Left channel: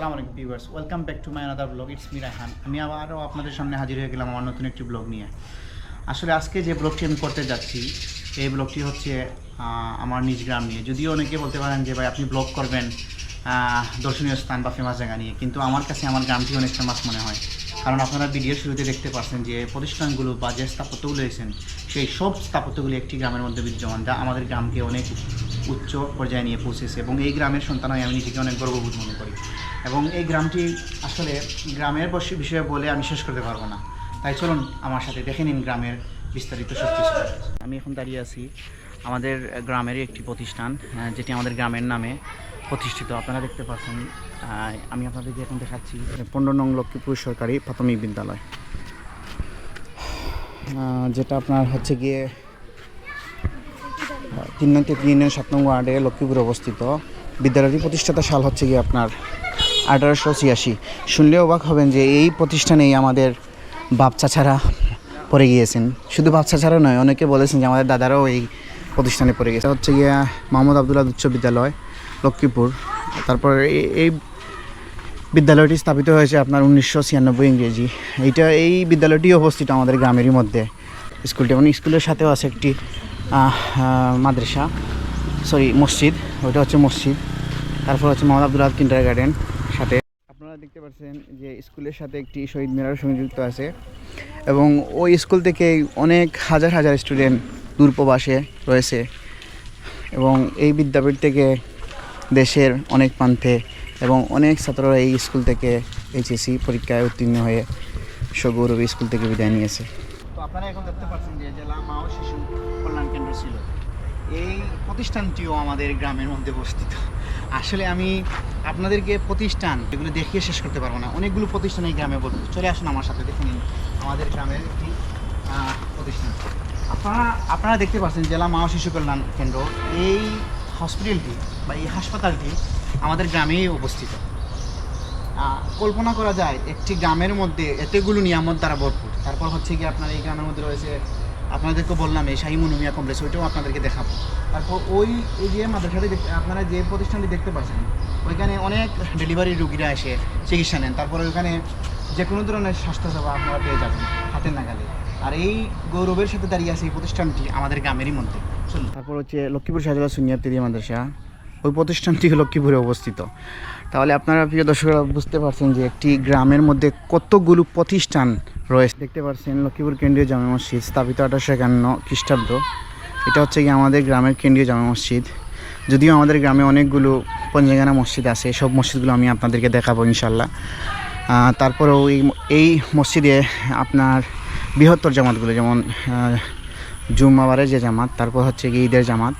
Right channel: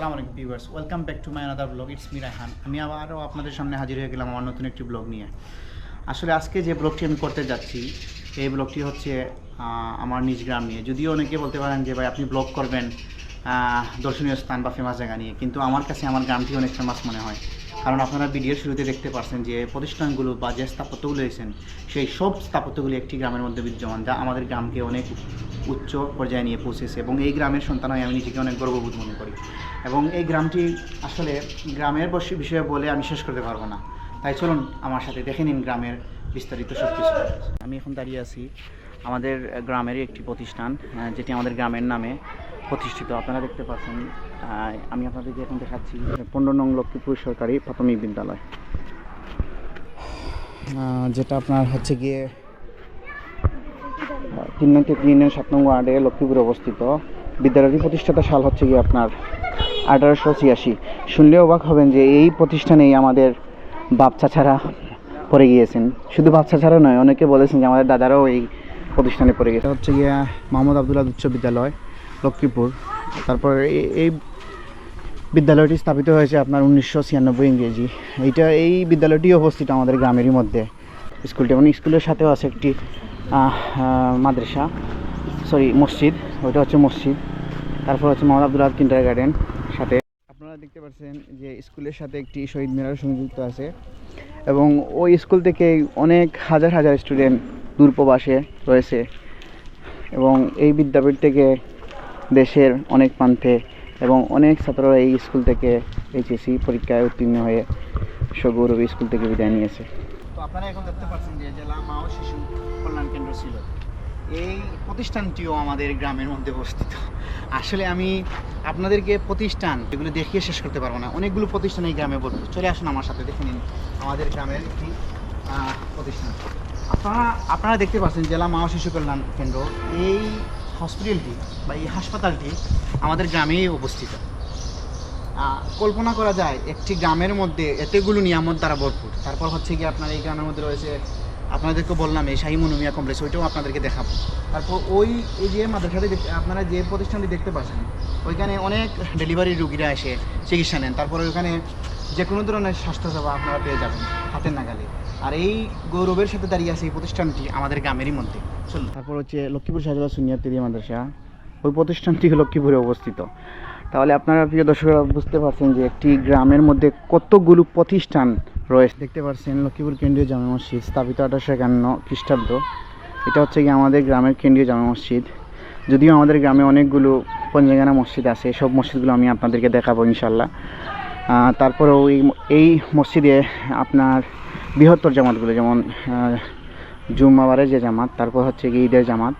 আসসালামু আলাইকুম viewers, welcome back to my another blog. It's me Raihan. আমি আবারও আপনাদের সামনে হাজির হয়ে গেলাম আমার নতুন একটি ব্লগ নিয়ে। আসলে আজকে যে ব্লগটি আমি করতে যাচ্ছি এই ব্লগটি হচ্ছে আমার নিজ গ্রাম নিয়ে। যদিও অনেকে বলতে পারেন যে ভাই আপনি ব্লগ করবেন দর্শনীয় স্থান বা ফেমাস জায়গা নিয়ে, কিন্তু আমার কাছে আমার গ্রামটি অনেক ফেমাস মনে হয়। কারণ আপনারা ভিডিওর শুরুতে দেখতে পাচ্ছেন যে প্রতিষ্ঠানগুলো বা যে স্থাপত্যগুলো রয়েছেন সেই সব স্থাপত্যগুলি একটি গ্রামের মধ্যে বিদ্যমান, যা আমাদের গ্রামকে অনেক উচ্চ পর্যায়ে নিয়ে পৌঁছেছে। এবং এই গ্রামের সন্তান হয়ে আমি নিজেকে অনেক গর্ববোধ মনে করি। এবং এই গ্রামটি আসলে গ্রামের বিষয়ে বলে আমি শেষ করতে পারবো না। তাই চলুন আমার সাথে দেখে নিন গ্রামের বিস্তারিত সব কিছু। আমি এখন দাঁড়িয়ে আছি আমাদের গ্রামেরই একটি প্রতিষ্ঠান, যেটি আমাদের গ্রামের নামে প্রতিষ্ঠিত। আপনারা দেখতে পাচ্ছেন, আমি আপনাদেরকে এখন দেখাচ্ছি 15 নং লক্ষ্মীপুর সরকারি প্রাথমিক বিদ্যালয়, যেটা আপনার হচ্ছে গিয়ে 3 নং থেকে 3 নং 7 নং ওয়ার্ডে লক্ষ্মীপুরে অবস্থিত। বিদ্যালয়টি প্রতিষ্ঠাতা সাল হচ্ছে গিয়ে আপনার 1886। শুনলে অবাক হবেন যে এই প্রতিষ্ঠানেই আমাদের বাপ চাচারা পড়ে গিয়েছেন। শুধু বাপ চাচারা নয়, অনেকে বলেছেন যে আমাদের দাদারাও এই প্রতিষ্ঠানে পড়ে গেছে। হচ্ছে গিয়া মোহাম্মদ আবদুল্লাহ উচ্চ বিদ্যালয় লক্ষ্মীপুর। তারপর এই বিদ্যালয়টি স্থাপিত হয়েছে আপনার 1996 ইংরেজি। এই বিদ্যালয়টি অবস্থিত আমাদের গ্রামেরই মধ্যে। স্কুলটি এবং স্কুলের সাথেও আছে একটি মাদ্রাসা, মসজিদ। ওইটা হচ্ছে মসজিদ। তারপর হচ্ছে মোহাম্মদ আবদুল্লাহ কিন্ডার গার্ডেন সাথে। আপনারা দেখতে পাচ্ছেন যে স্কুলের সাথে একটি শহীদ মিনার সংযুক্ত আছে। এবং ওই স্কুল থেকে অনেক হাজার হাজার স্টুডেন্ট দূরপ্রবাসে রয়েছে। এবং এই বিদ্যাপীঠ থেকে দেশের অনেক প্রান্তে এবং অনেক ছাত্ররা এই স্কুল থেকে এইচএসসি পরীক্ষায় উত্তীর্ণ হয়ে সগৌরবে স্কুল থেকে বিদায় নিয়েছে। তো আপনারা এখন দেখতে পাচ্ছেন যে জেলা মা ও শিশু কল্যাণ কেন্দ্র ছিল। এই প্রতিষ্ঠানটিও আমাদের গ্রামের মধ্যে অবস্থিত। আসলে আমি আপনাদেরকে প্রতিষ্ঠান এগুলো দেখিয়ে শেষ করতে পারবো না। অনেকগুলো প্রতিষ্ঠান এই গ্রামে বলবো। চলে আসুন আমার সাথে, দেখে নিন আমাদের গ্রামের একটি প্রতিষ্ঠান। আপনারা দেখতে পাচ্ছেন জেলা মা ও শিশু কল্যাণ কেন্দ্র। এই হসপিটালটি বা এই হাসপাতালটি আমাদের গ্রামেই অবস্থিত। কল্পনা করা যায় একটি গ্রামের মধ্যে এতগুলো নিয়ামত দ্বারা ভরপুর। তারপর হচ্ছে কি আপনার এই গ্রামের মধ্যে রয়েছে, আপনাদেরকে বললাম এই শাহী মনুমিয়া কমপ্লেক্স, ওইটাও আপনাদেরকে দেখাবো। তারপর এই যে মাদ্রাসাটি আপনারা যে প্রতিষ্ঠানটি দেখতে পাচ্ছেন, ওইখানে অনেক ডেলিভারি রুগীরা এসে চিকিৎসা নেন। তারপরে ওইখানে যে কোনো ধরনের স্বাস্থ্যসেবা আপনারা পেয়ে যাবেন হাতের নাগালে। আর এই গৌরবের সাথে দাঁড়িয়ে আছে এই প্রতিষ্ঠানটি আমাদের গ্রামেরই মধ্যে। চলুন। তারপর হচ্ছে লক্ষ্মীপুর শাহজালাল সুনিয়াতিরি মাদ্রাসা, ওই প্রতিষ্ঠানটি লক্ষ্মীপুরে অবস্থিত। তাহলে আপনারা প্রিয় দর্শকরা বুঝতে পারছেন যে একটি গ্রামের মধ্যে কতগুলো প্রতিষ্ঠান রয়েছে। দেখতে পাচ্ছেন লক্ষ্মীপুর কেন্দ্রীয় জামে মসজিদ, স্থাপিত 1851 খ্রিস্টাব্দ। এটা হচ্ছে কি আমাদের গ্রামের কেন্দ্রীয় জামে মসজিদ। যদিও আমাদের গ্রামে অনেকগুলো পঞ্জাঙ্গানা মসজিদ আছে, সব মসজিদগুলো আমি আপনাদেরকে দেখাবো ইনশাল্লাহ। তারপরেও এই মসজিদে আপনার বৃহত্তর জামাতগুলো, যেমন জুম্মাবারের যে জামাত, তারপর হচ্ছে কি ঈদের জামাত,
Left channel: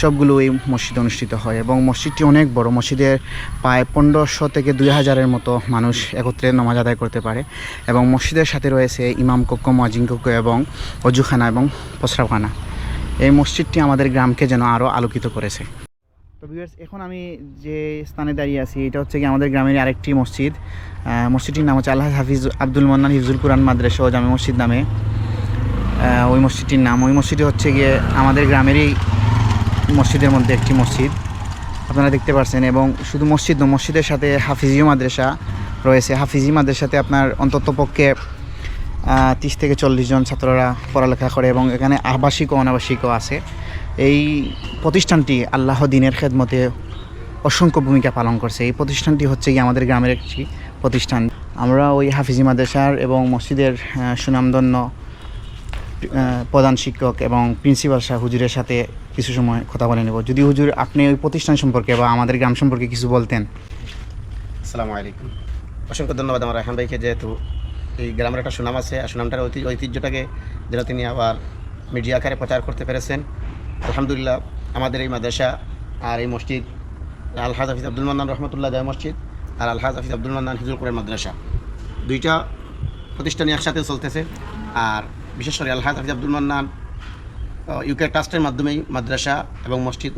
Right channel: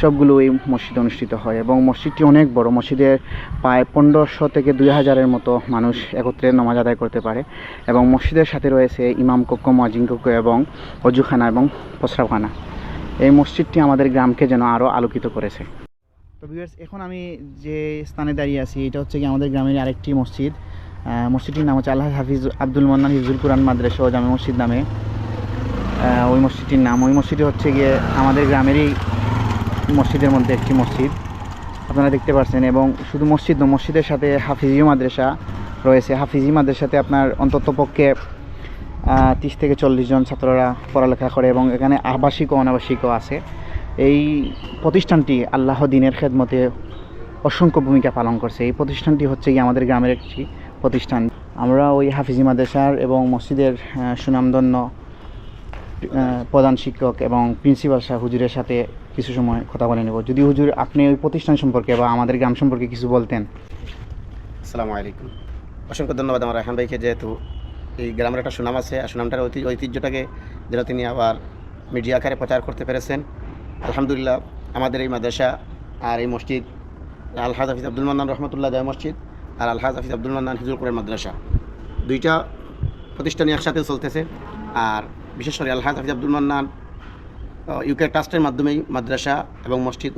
সবগুলো এই মসজিদে অনুষ্ঠিত হয়। এবং মসজিদটি অনেক বড়। মসজিদের প্রায় 1500 থেকে 2000-এর মতো মানুষ একত্রে নামাজ আদায় করতে পারে। এবং মসজিদের সাথে রয়েছে ইমাম কক্ষ, মুয়াজ্জিন কক্ষ এবং অজুখানা এবং প্রস্রাবখানা। এই মসজিদটি আমাদের গ্রামকে যেন আরও আলোকিত করেছে। তো ভিউয়ার্স, এখন আমি যে স্থানে দাঁড়িয়ে আছি এটা হচ্ছে কি আমাদের গ্রামের আরেকটি মসজিদ। মসজিদটির নাম হচ্ছে আল্লাহ হাফিজ আব্দুল মান্নান হিফজুল কুরআন মাদ্রাসা ও জামে মসজিদ নামে ওই মসজিদটির নাম। ওই মসজিদটি হচ্ছে গিয়ে আমাদের গ্রামেরই মসজিদের মধ্যে একটি মসজিদ, আপনারা দেখতে পাচ্ছেন। এবং শুধু মসজিদ নয়, মসজিদের সাথে হাফিজি মাদ্রাসা রয়েছে। হাফিজি মাদ্রাসাতে আপনার অন্তত পক্ষে 30 থেকে 40 জন ছাত্ররা পড়ালেখা করে এবং এখানে আবাসিক ও অনাবাসিকও আছে। এই প্রতিষ্ঠানটি আল্লাহ দ্বীনের খেদমতে অসংখ্য ভূমিকা পালন করছে। এই প্রতিষ্ঠানটি হচ্ছে কি আমাদের গ্রামের একটি প্রতিষ্ঠান। আমরা ওই হাফিজি মাদ্রাসার এবং মসজিদের সুনামধন্য প্রধান শিক্ষক এবং প্রিন্সিপাল শাহ হুজুরের সাথে কিছু সময় কথা বলে নেব। যদি হুজুর আপনি ওই প্রতিষ্ঠান সম্পর্কে বা আমাদের গ্রাম সম্পর্কে কিছু বলতেন। আসসালামু আলাইকুম। অসংখ্য ধন্যবাদ আমার রায়হান ভাইকে, যেহেতু এই গ্রামের একটা সুনাম আছে আর সুনামটার ঐতিহ্যটাকে যেন তিনি আবার মিডিয়া আকারে প্রচার করতে পেরেছেন। আলহামদুলিল্লাহ, আমাদের এই মাদ্রাসা আর এই মসজিদ আলহাজ হাফিজ আব্দুল মান্নান রহমতুল্লাহ জামে মসজিদ আর আলহাজ হাফিজ আব্দুল মান্নান হিফজুল কুরআন মাদ্রাসা, দুইটা প্রতিষ্ঠানই একসাথে চলতেছে। আর বিশেষ করে আলহাজ হাফিজ আব্দুল মান্নান ইউকে ট্রাস্টের মাধ্যমেই মাদ্রাসা এবং মসজিদ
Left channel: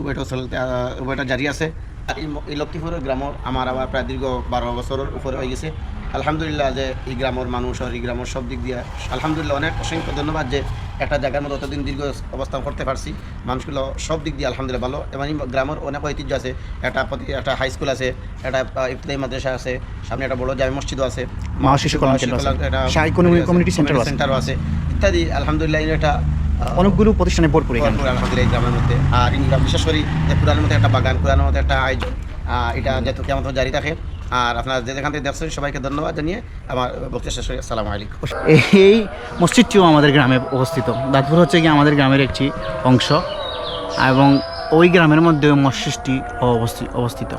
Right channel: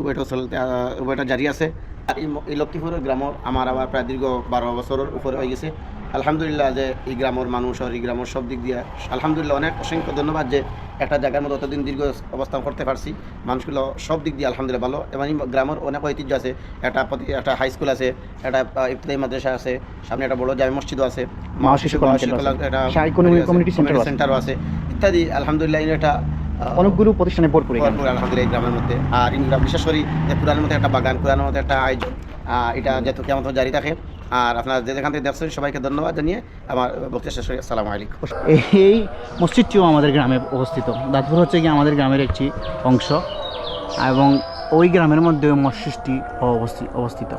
উভয়টা জারি আছে। আর এই লক্ষ্মীপুরের গ্রামের আমার আবার প্রায় দীর্ঘ 12 বছরের উপরে হয়ে গেছে আলহামদুলিল্লাহ যে এই গ্রামের মানুষ আর এই গ্রামের সব দিক দিয়ে আলহামদুলিল্লাহ অনেক অসংখ্য ধন্যবাদ যে একটা জায়গার মধ্যে অতদিন দীর্ঘ অবস্থান করতে পারছি। মানুষগুলো সব দিক দিয়ে আলহামদুলিল্লাহ ভালো এবং এই গ্রামের অনেক ঐতিহ্য আছে। একটা হাই স্কুল আছে, একটা ইফতারি মাদ্রাসা আছে, সামনে একটা বড় জামে মসজিদও আছে, মা শিশু কল্যাণ কেন্দ্র আছে, শাহী কমিউনিটি সেন্টারও আছে ইত্যাদি। আলহামদুলিল্লাহ এটা অনেকগুলো প্রতিষ্ঠানে ভরপুর এখানে। ভরপুর আলহামদুলিল্লাহ এই গ্রামের মধ্যে। আর এই গ্রাম বিশেষ করে যে কোরআনের মধ্যে একটা বাগান, কোরআনের মধ্যে একটা আয়োজন, এটা যেহেতু কেমন জারি থাকে। আর আপনারা যেখান থেকে দেখছেন সবাইকে ধন্যবাদ জানিয়ে আমার বক্তব্য শেষ করি। আসসালামু আলাইকুম। এই মসজিদটিও আমাদের গ্রামে অবস্থিত। দাঁতপুর হচ্ছে কি আমাদের গ্রামের একটি অংশ এবং ওই গ্রামের মধ্যে মসজিদটি অবস্থিত।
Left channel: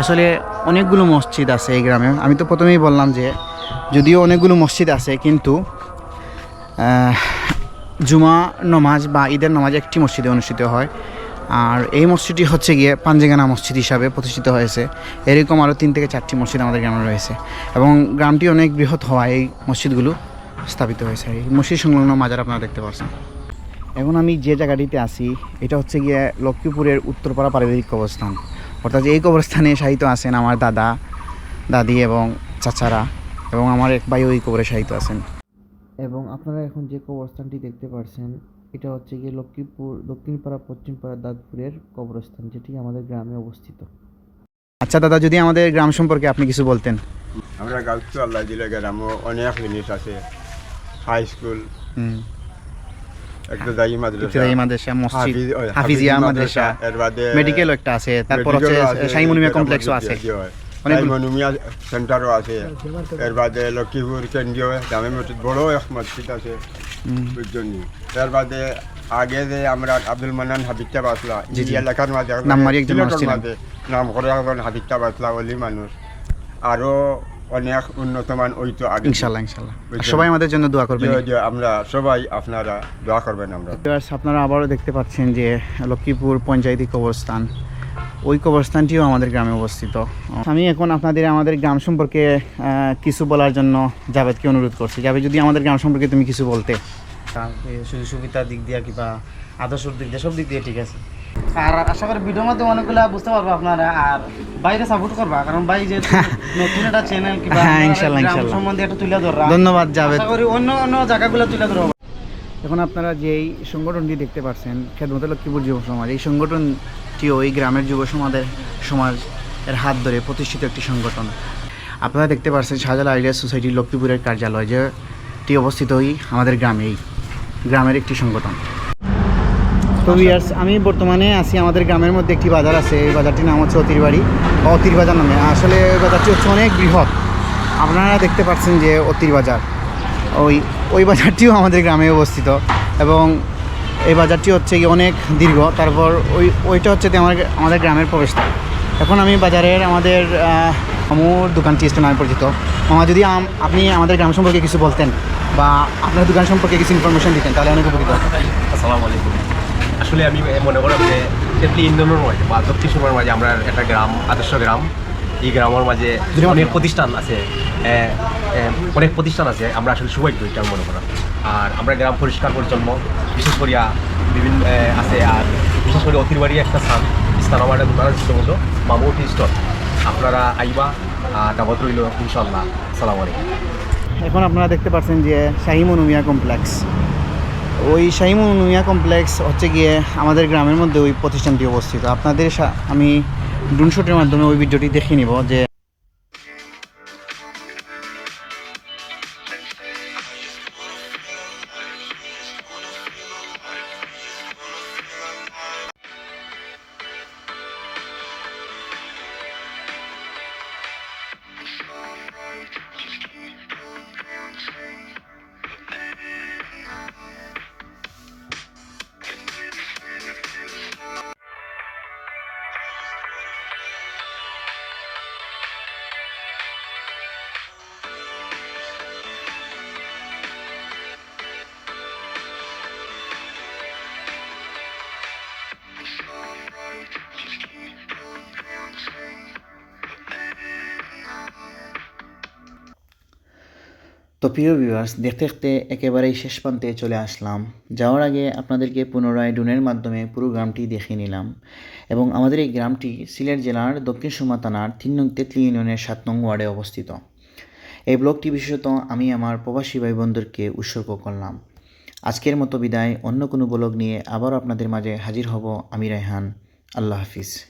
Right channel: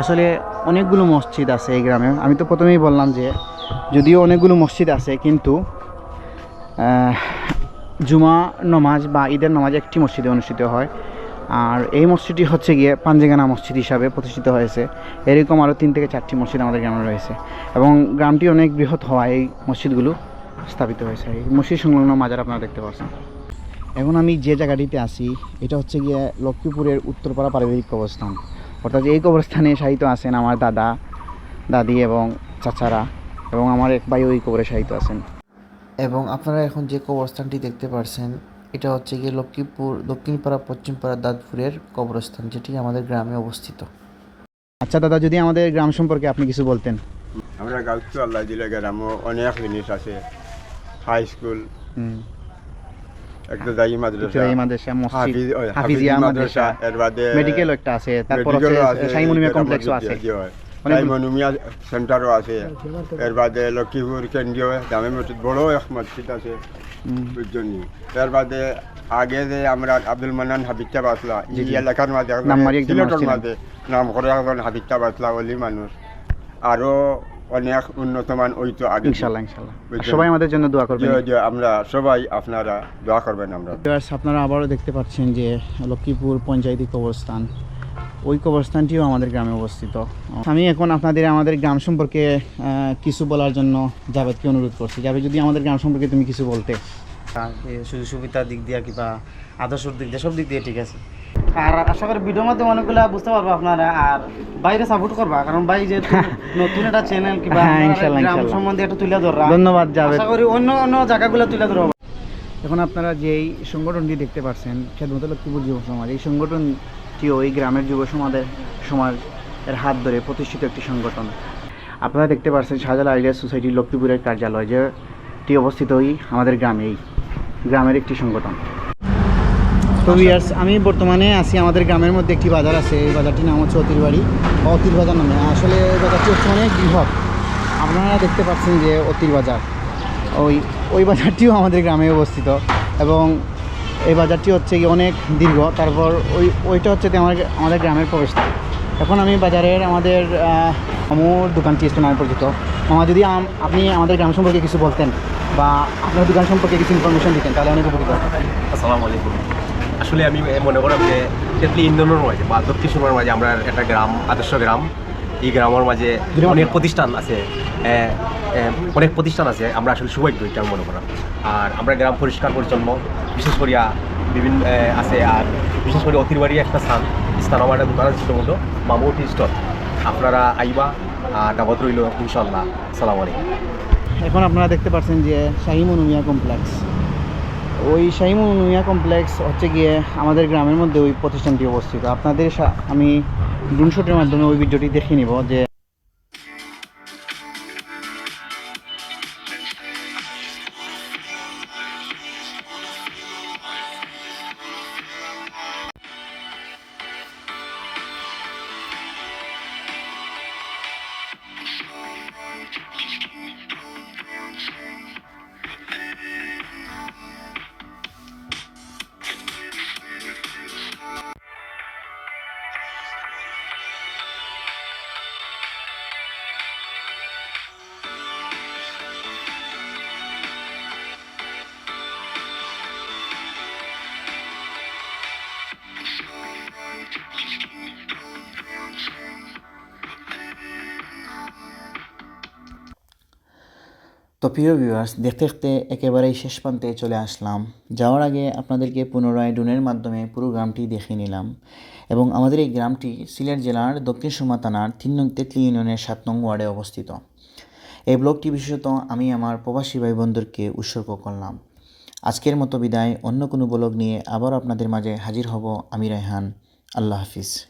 আসলে অনেকগুলো মসজিদ আছে এই গ্রামে। আমি তো প্রথমেই বললাম যে যদিও অনেকগুলো মসজিদ আছে, কিন্তু জুমা নমাজ বা ঈদের নামাজ একটি মসজিদে অনুষ্ঠিত হয়। আর এই মসজিদটি হচ্ছে গিয়ে পাঞ্জেগানা মসজিদ হিসাবে প্রতিষ্ঠিত হয়েছে। এরকম আরও 3 থেকে 4টি মসজিদ আমাদের গ্রামে রয়েছে এবং গ্রামটি অনেক বৃহৎ হওয়ায় এই মসজিদগুলো স্থাপিত হয়েছে। এই মসজিদ সংলগ্ন মাজার আপনারা দেখতে পাচ্ছেন। এখন আমি যে জায়গাটিতে আছি এটা হচ্ছে গিয়ে লক্ষ্মীপুরের উত্তরপাড়া পারিবারিক কবরস্থান। অর্থাৎ এই কবরস্থানে শায়িত আছেন আমার দাদা, দাদি এবং চাচারা, এবং আমার এক ভাই ওই কবরে শায়িত আছেন। এবং আপনারা এখন যে কবরস্থানটি দেখতে পাচ্ছেন এটা হচ্ছে গিয়ে লক্ষ্মীপুর দক্ষিণপাড়া পশ্চিমপাড়া দাঁতপুরের কবরস্থান, যেটি আমাদের গ্রামে অবস্থিত। আচ্ছা দাদা, যদি আমাদের গ্রাম সম্পর্কে আপনি কিছু বলতেন। আমরা গাঁও আল্লাহ দিলে গ্রামও অনেক জিনিস আছে। হাই স্কুল, একটা দায়ী মাদ্রাসা, মসজিদ, হাফিজিয়া মাদ্রাসা, এর বাদে মেডিকেল একটা আছে, তারপর হচ্ছে শাইমুনিয়া কমপ্লেক্সও আছে, শাইমুনিয়া সেন্টারও আছে। এর বাদে লক্ষ্মীপুর কেন্দ্রীয় জামে মসজিদ বড় এক মসজিদ আছে বুঝজনি। এর বাদে আগে যে আমরা আব্দুল মান্নান হাবিবটা বাসলা এই এলাকার মাঝে সিলেটের মাঝে নাম করে এখন হাবিবটা বাসলা ওলি মানুষ। আরো অনেক উন্নতমান ওই তো আগে ইনশাআল্লাহ সবাই আমাদের জন্য দোয়া করবেন। আমরা সবাই আপনারা দোয়া করবেন। আপনারা আবারও দেখতে পাচ্ছেন যে লক্ষ্মীপুর পঞ্চায়েতি কবরস্থান, ওই কবরস্থানটিও আমাদের গ্রামে অবস্থিত। আমি এখন আপনাদের আমাদের গ্রাম সম্পর্কে কিছু বলার জন্য জাভেদকে অনুরোধ করছি। জাভেদ, যদি আমাদের গ্রাম সম্পর্কে তুমি কিছু বলতে। সুযোগ সুবিধার দিক দিয়ে কিংবা আদর্শর দিক দিয়ে সব দিক দিয়ে ঠিক আছে। আর আশা করি ভিডিওর মাধ্যমে অনেকগুলো বুঝতে পারবো আপনারা, আর বাইরে সাপোর্ট করবা, কারণ ভাই যে নতুন একটা চ্যানেল কিংবা গ্রাম সম্বন্ধে একটা তুলে ধরা। ধন্যবাদ জাভেদ। আশা করি অন্য অন্য জায়গাগুলো তুলে ধরবো। এখন আপনারা যেই সংগঠনটি দেখতে পাচ্ছেন খেদমত লক্ষ্মীপুর যুব সমাজ, এই সংগঠনটি ওই গ্রামের যুব সমাজের হাত ধরে প্রতিষ্ঠিত একটি সংগঠন। আপনারা দেখতে পাচ্ছেন শাহজালাল আইডিয়া সোসাইটি লক্ষ্মীপুরের কার্যালয়, যেটি অবস্থিত ওই আমাদের গ্রামেই, গ্রামের একটি সংগঠন। তো ভিউয়ার্স, আমি বর্তমানে আছি আমাদের গ্রামের মধ্যে একটি বাজার আছে। এই বাজারটির নাম হচ্ছে অতিরবাড়ি বা অতির বাজার নামে। আসলে এই বাজারটি হচ্ছে অনেক বৃহৎ। আপনারা দেখতে পাচ্ছেন যে অতির বাজার, ওই বাজারটিও আমাদের গ্রামে অবস্থিত এবং এই বাজারটি হচ্ছে কি অনেক দীর্ঘ। তারপর ওইটা হচ্ছে আমাদের গ্রামের প্রবেশদ্বার। এখন আমি বাজারের আমাদের মামুর দোকানটি নামে পরিচিত। মামা, যদি আপনি আমাদের গ্রাম সম্পর্কে কিছু বলতেন বা আপনার দোকান সম্পর্কে কিছু ইনফরমেশন দিতেন তাহলে অনেক উপকৃত হতাম। আসসালামু আলাইকুম। আসলে আমি মনে করলাম যে তেতলি ইন্দোরের মাঝে বা দক্ষিণ সুমার মাঝে আমরা একটা গ্রাম, আদর্শ গ্রাম। এই গ্রামের মাঝে অনেক প্রতিষ্ঠান আছে, আমরা আসলে সৌভাগ্য এটা মনে করা। আর আমরা গ্রাম পরিষ্কার পরিচ্ছন্ন বিশেষ করিয়া বিভিন্ন আছে। আর বিশেষ করে অতিরবাড়ি একটা স্থান আমার একটা দোকান আছে ছোটো মতো মামু টি স্টল। আপনারা আইবা, দাবত রইল ইনশাল্লাহ। আসসালামু আলাইকুম। এখন আপনারা দেখতে পাচ্ছেন যে শাহী মনুমিয়া কমপ্লেক্স। ওই শাহী মনুমিয়া কমপ্লেক্স হচ্ছে গিয়ে আমাদের গ্রামের মধ্যে ওই প্রতিষ্ঠানটি অবস্থিত। আপনাদের আমি ড্রোন শটের মাধ্যমে ওই ভিডিওটি দেখে নিব যে তো প্রিয় ভিউয়ার্স, দেখতে দেখতে একেবারেই শেষ প্রান্তে চলে আসলাম। যাওয়ার আগে আপনাদেরকে পুনরায় ড্রোনের মাধ্যমে পুরো গ্রামটি দেখে নিলাম। এবং আমাদের এই গ্রামটি সিলেট জেলার দক্ষিণ সুরমা থানার 3 নং তেতলি ইউনিয়নের 7 নং ওয়ার্ডে অবস্থিত। এই ব্লগটি বিশেষত আমি আমার প্রবাসী ভাই বোনদেরকে উৎসর্গ করলাম। আজকের মতো বিদায়, অন্য কোনো ব্লগ নিয়ে আবারও আপনাদের মাঝে হাজির হব আমি রায়হান। আল্লাহ হাফিজ।